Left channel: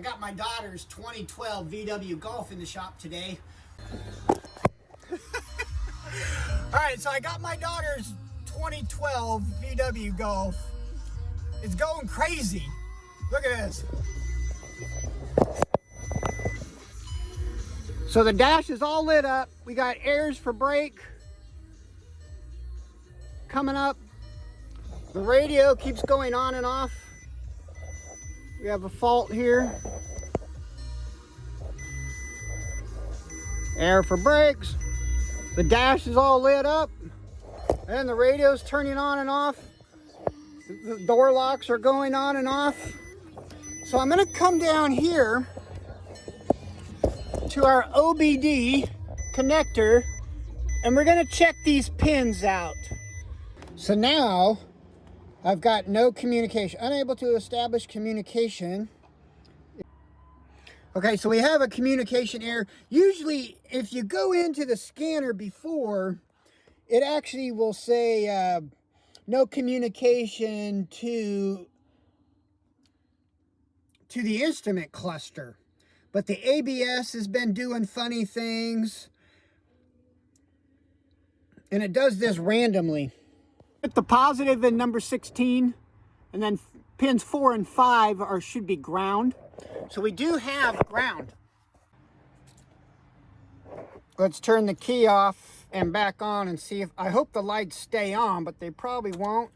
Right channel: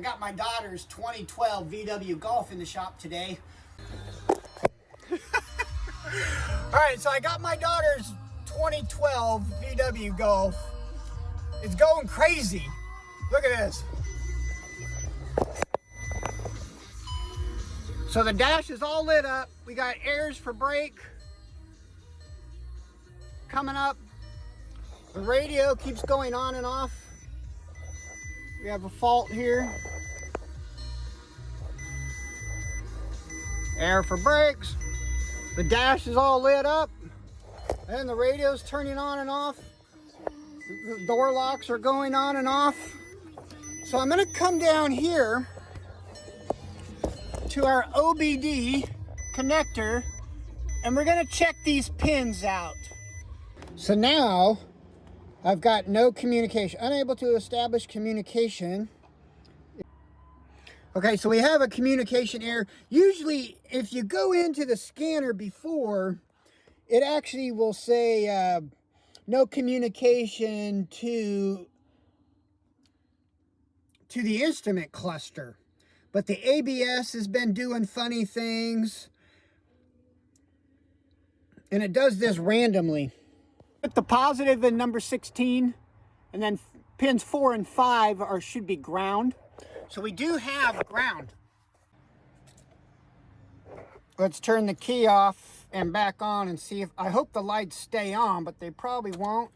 I got my daughter's 2012 VW Golf in the shop today. All right, so I got my daughter's 2012 VW Golf. It's going crazy. Look at this. So the dash is all lit up. We got airs for brake coming up. The radio keeps going on and off. We have a fault here. Air for brakes. The dash is all lit up. And the radio's turning on and off. The door locks are going on and off. So I'm gonna come down here to our OBD connector and we're gonna check these pins out. So now I've got no communication, unable to establish communication. Okay, so we have a communication error. Usually if you go into the scanner before, it actually will say no communication to the instrument cluster. But the ABS has been doing funny things. And it does this randomly. Put the positive in number 16. And then pins 4 and 5 should be ground. So we do have ground. Let's turn the key off and back on and see if... I hope the lights stay on, but they probably won't.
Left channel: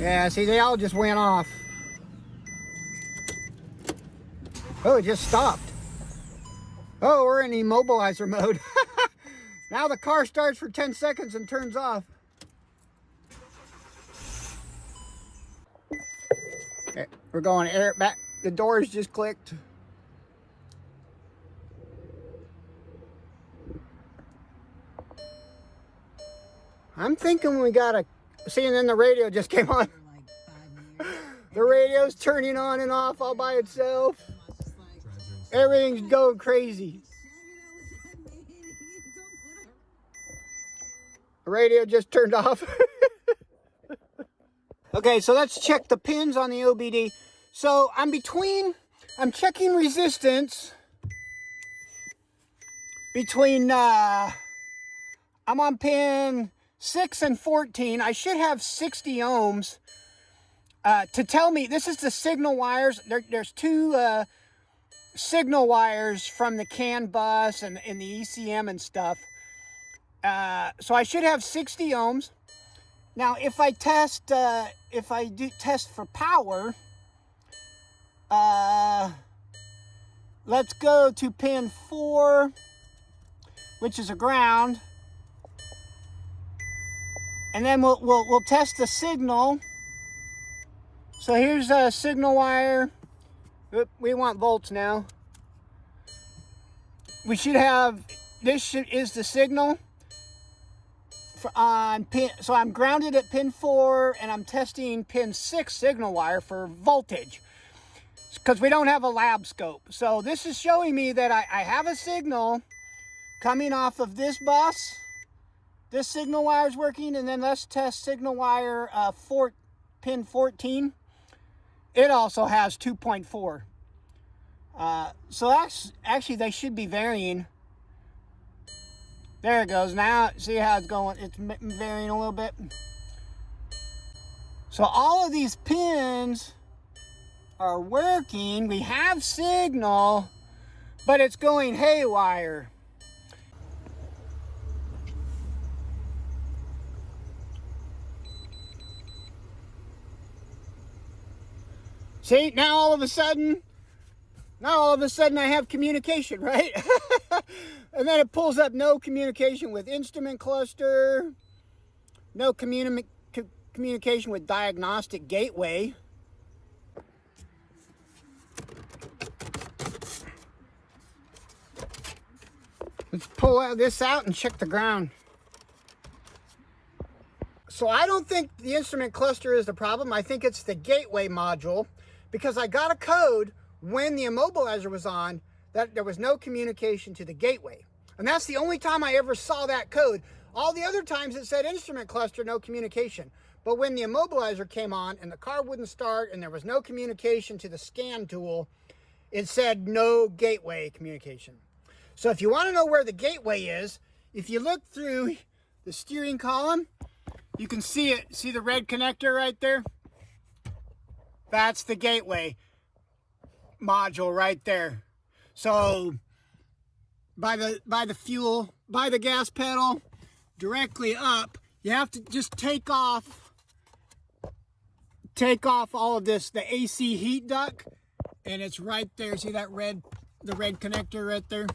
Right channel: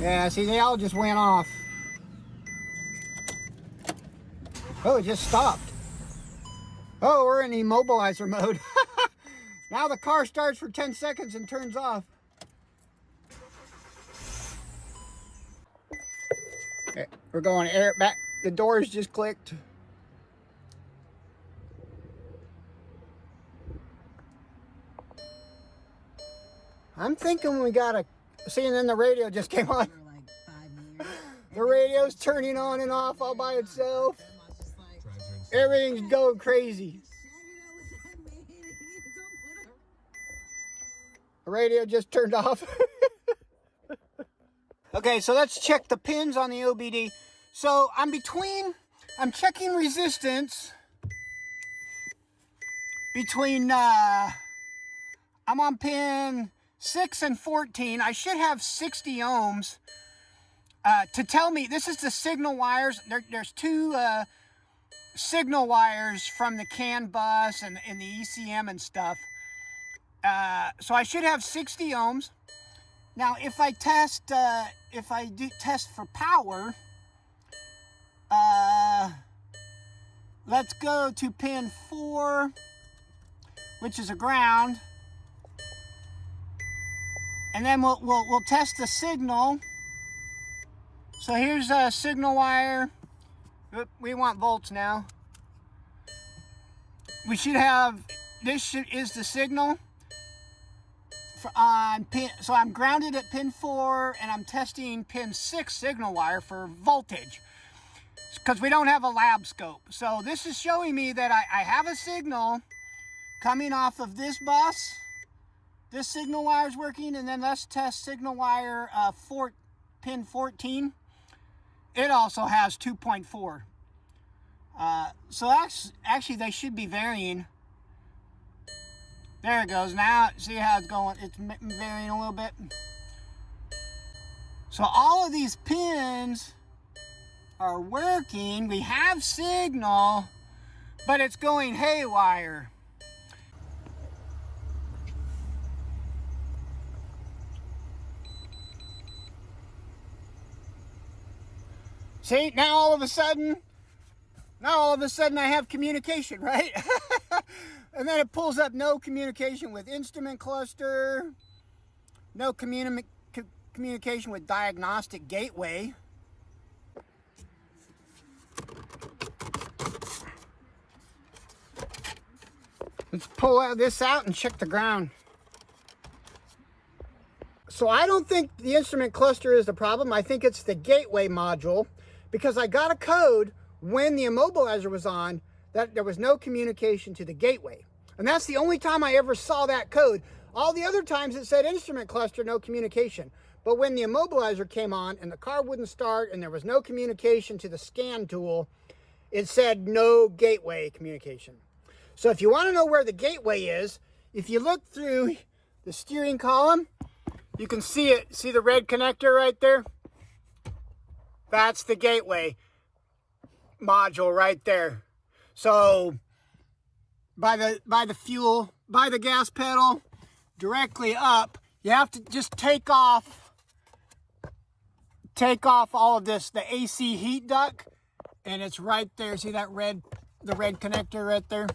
Yeah, see, they all just went off. Oh, it just stopped. Oh, we're in immobilizer mode. Now the car starts for 10 seconds and turns off. Okay, we're going air back. The doors just clicked. I'm thinking we got a... See, and then the radio just came on. The radio's turning on and off all by itself. Everything's going crazy. The radio just turned off. Okay, so let's check the pins on the OBD. So I'm checking resistance between, I'm on pin 6 and 14. I should have 60 ohms to tell me, this is the signal wires. There's two signal wires from the CAN bus and the ECM and stuff. So I should have 60 ohms. Now, if I do test for power, let's go to pin 4, which is a ground, and then we'll test the signal. So here's a signal wire. We want volts now. We should have, is the signal. On pin, so I'm grounded at pin 4 and I'm testing pin 6 signal wire for voltage because we don't have a lab scope. So this is showing me that I have a signal coming off of this bus. This signal wire is working, and then let's test signal wire pin 14. It also has 2.4. So that's actually, they should be varying. There it goes. Now, see how it's going? It's varying a little bit. So all of these pins are working. We have signal, but it's going haywire. See, now all of a sudden I have communication, right? And then it pulls up no communication with instrument cluster, no communication with diagnostic gateway. Let's pull this out and check the ground. So I don't think the instrument cluster is the problem. I think it's the gateway module, because I got a code when the immobilizer was on that there was no communication to the gateway. And that's the only time I ever saw that code. All the other times it said instrument cluster, no communication. But when the immobilizer came on and the car wouldn't start and there was no communication to the scan tool, it said no gateway communication. So if you want to know where the gateway is, if you look through the steering column, you can see it. See the red connector right there? That's the gateway module right there. So by the fuel, by the gas pedal, directly up, you have to just take off all of this, the AC heat duct, and it's right there. See that the red connector right there?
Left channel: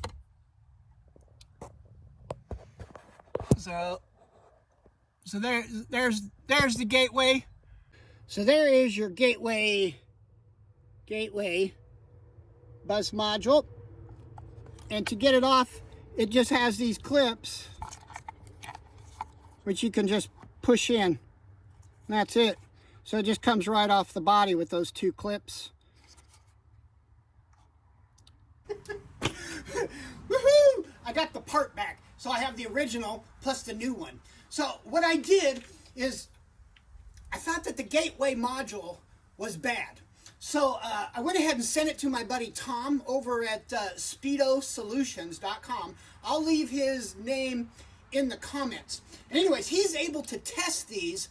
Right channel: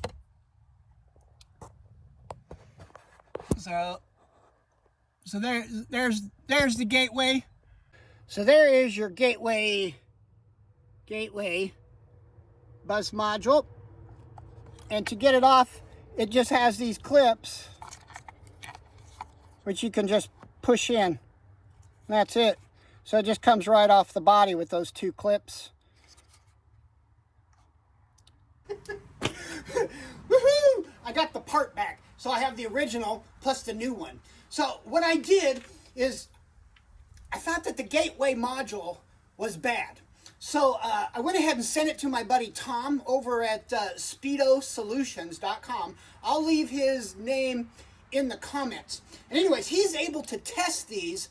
So there's the gateway. So there is your gateway bus module. And to get it off, it just has these clips, which you can just push in. That's it. So it just comes right off the body with those two clips. Woohoo! I got the part back. So I have the original plus the new one. So what I did is I thought that the gateway module was bad. So I went ahead and sent it to my buddy Tom over at speedosolutions.com. I'll leave his name in the comments. And anyways, he's able to test these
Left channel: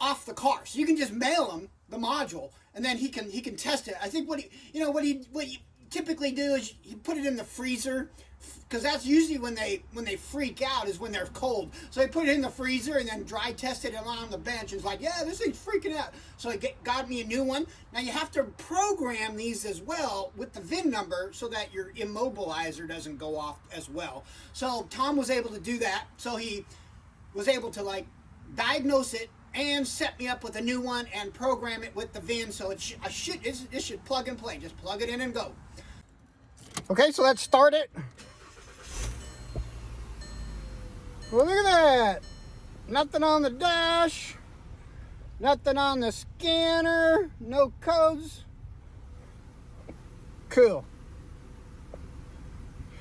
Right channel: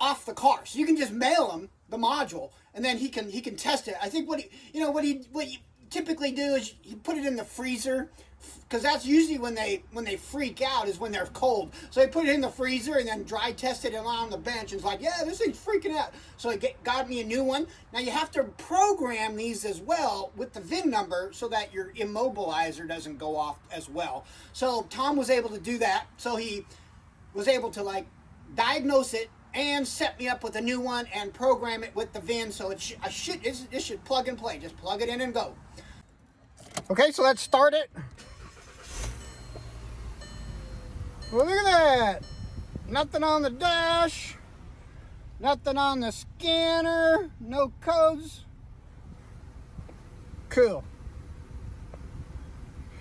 off the car. So you can just mail him the module and then he can test it. I think what you typically do is you put it in the freezer, because that's usually when they freak out, is when they're cold. So they put it in the freezer and then dry tested it on the bench. And it's like, yeah, this thing's freaking out. So I got me a new one. Now you have to program these as well with the VIN number so that your immobilizer doesn't go off as well. So Tom was able to do that. So he was able to diagnose it and set me up with a new one and program it with the VIN. So it should plug and play. Just plug it in and go. Okay, so let's start it. Well, look at that. Nothing on the dash. Nothing on the scanner. No codes. Cool.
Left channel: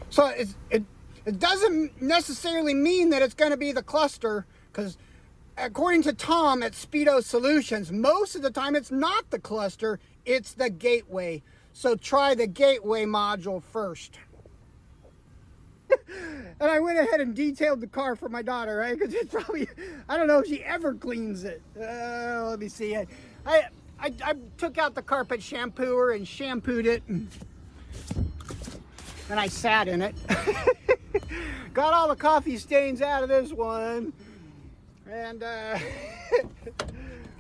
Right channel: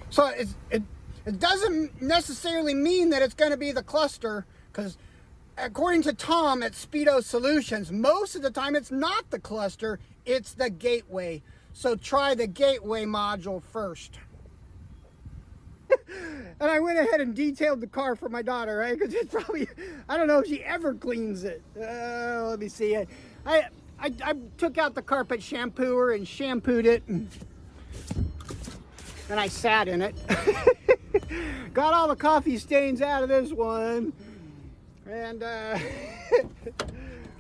So it doesn't necessarily mean that it's going to be the cluster, because according to Tom at Speedo Solutions, most of the time it's not the cluster, it's the gateway. So try the gateway module first. And I went ahead and detailed the car for my daughter, right? Because it's probably, I don't know if she ever cleans it. Let me see. I took out the carpet shampooer and shampooed it. And I sat in it. Got all the coffee stains out of this one. And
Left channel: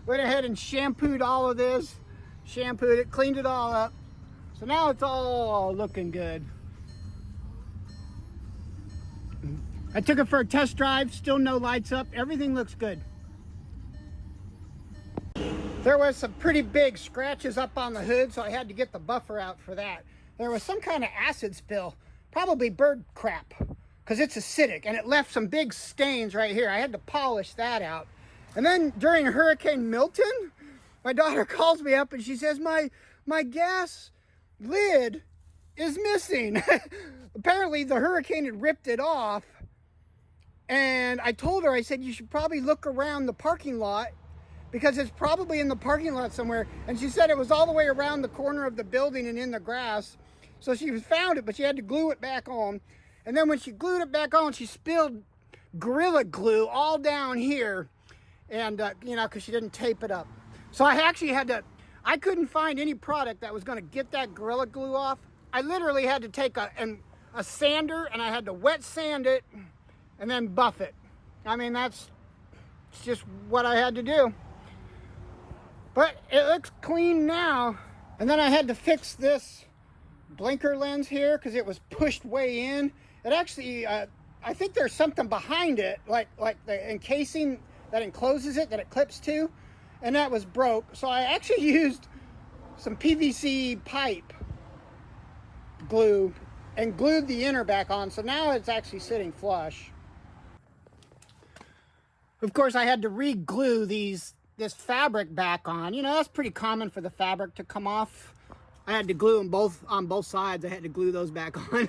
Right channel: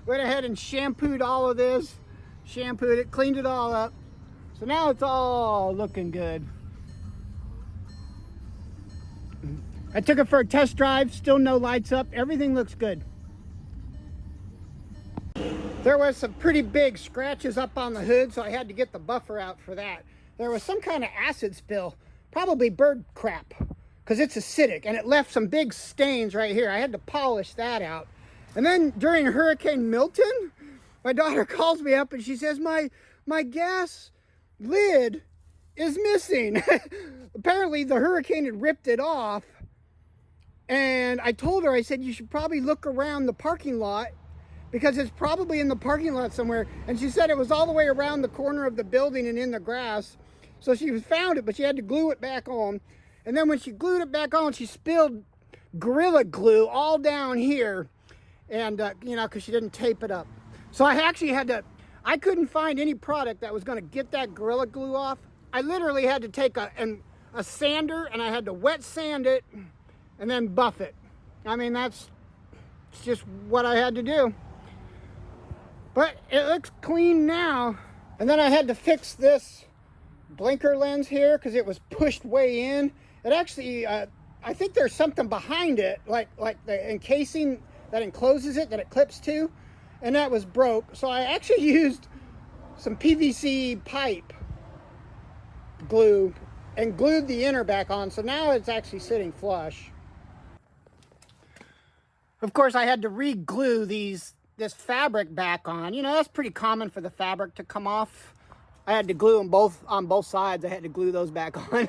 went ahead and shampooed all of this. Shampooed it, cleaned it all up. So now it's all looking good. I took it for a test drive, still no lights up, everything looks good. There was some pretty big scratches up on the hood, so I had to get the buffer out for that. There was some kind of acid spill, probably bird crap, because it's acidic, and it left some big stains right here. I had to polish that out. And then during Hurricane Milton, my daughter calls me up and she says, my gas lid is missing. Apparently the hurricane had ripped it off. And I told her, I said, you should probably look around the parking lot, because it's probably in the parking lot somewhere. And she said it was all the way around the corner of the building and in the grass. So she found it, but she had to glue it back on. And then when she glued it back on, she spilled Gorilla Glue all down here. And, because she didn't tape it up. So I actually I couldn't find any product that was going to get that Gorilla Glue off. I literally had to take a sander, and I had to wet sand it and then buff it. I mean, it's just what I had to do. But it looks clean now. And then I had to fix this blinker lens here because it was pushed way in. It actually, I think there's something behind it, like the encasing that encloses it, that it clips to, and that was broke. So I actually used some PVC pipe glue and glued the inner back on. So now it's actually sitting flush. Of course, I had to re-glue this fabric back on. That's pretty common for the fabric to come off. I had to glue them on both sides. I had to glue those back on.